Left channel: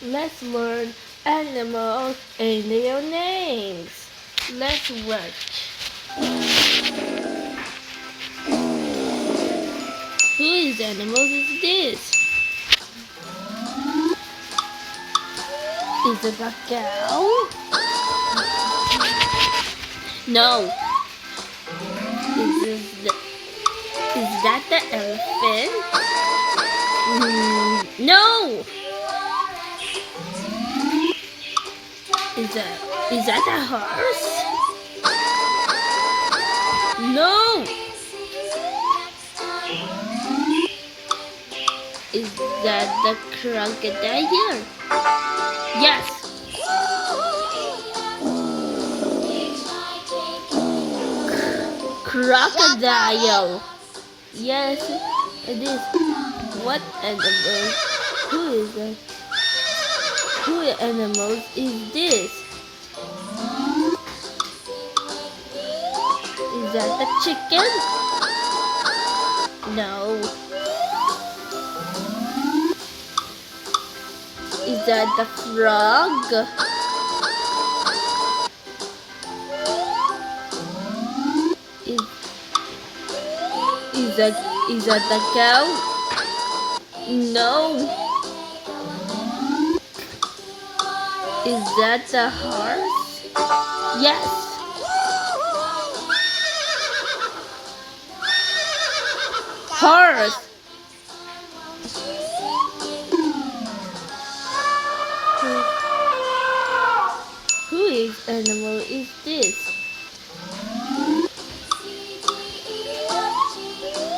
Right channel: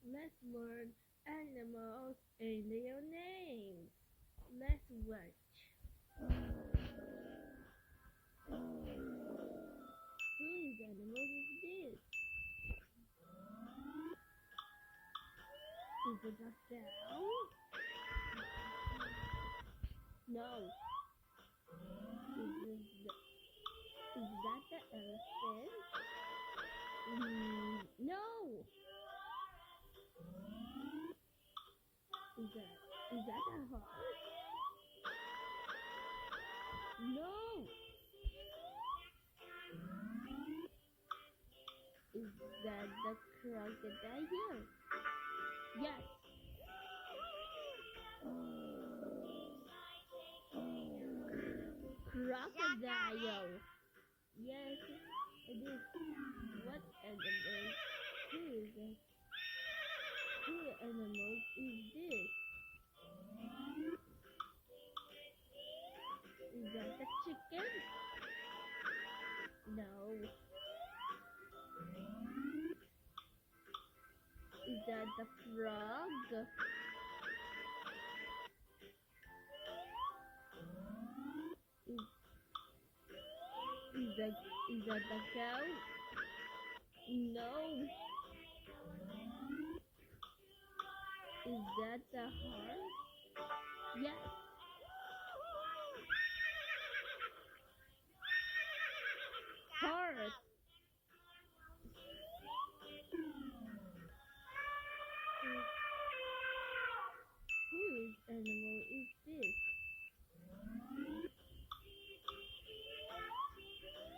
Let's learn animals and their names. Let's watch. Whose animals is this? Is it a cow? No. Is that the elephant? No. Is that a horse? No. Is that the crocodile? Yes. Crocodile. Yes, it is. What animal? Who is it? Who animals is this? Is that the chicken? No. Is that the frog? Is that the cow? No. Is that the horse? Yes. Horse. Whose animal is this?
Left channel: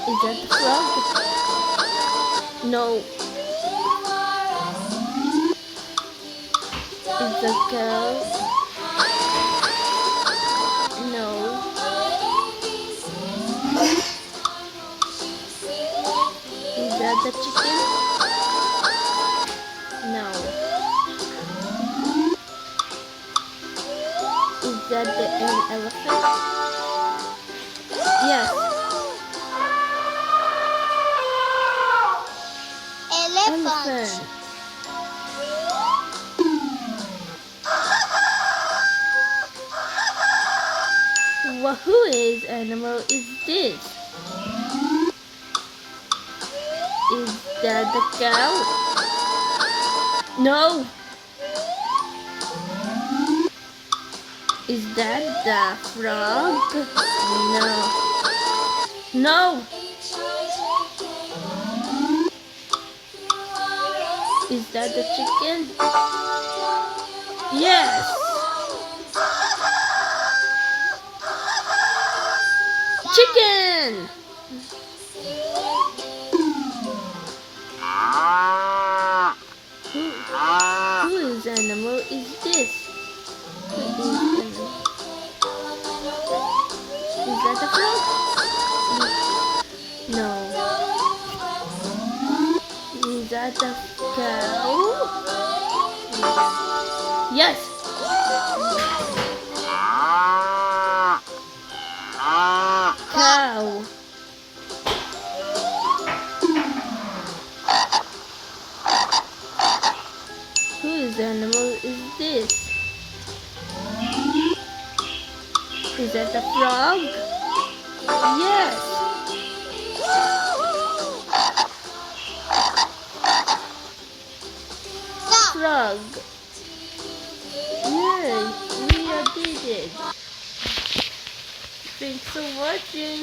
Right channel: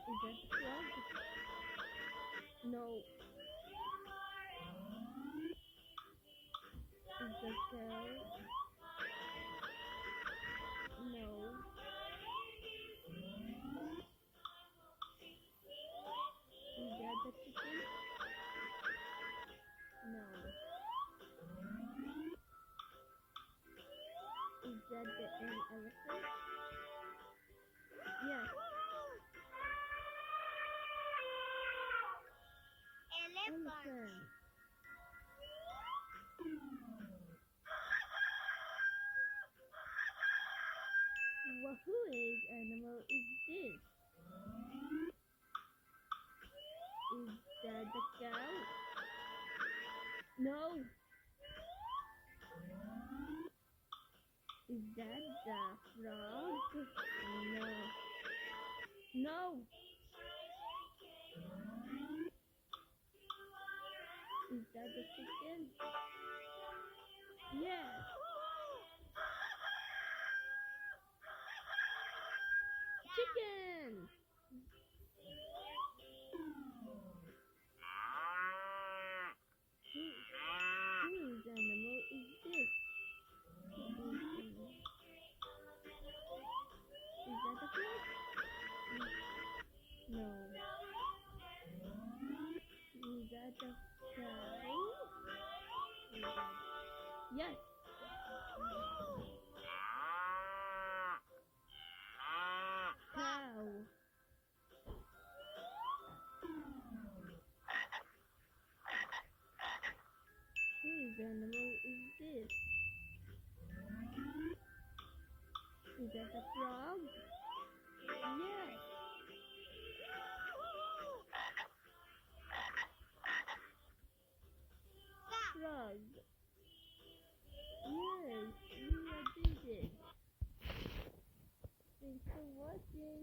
Is that the frog? No. Is the cow? No. Is that the chicken? No. Is that the elephant? Yes. Elephant. Well, whose animal is this? Is that the cow? No. Is that the frog? No. No. Is that the chicken? Yes. Chicken. Whose animal is this? Is that the frog? No. Is that the cow? Yes. Cow. Whose animal is this? Is that the frog? Yes. Frog. Yay, we did it. Thanks for watching.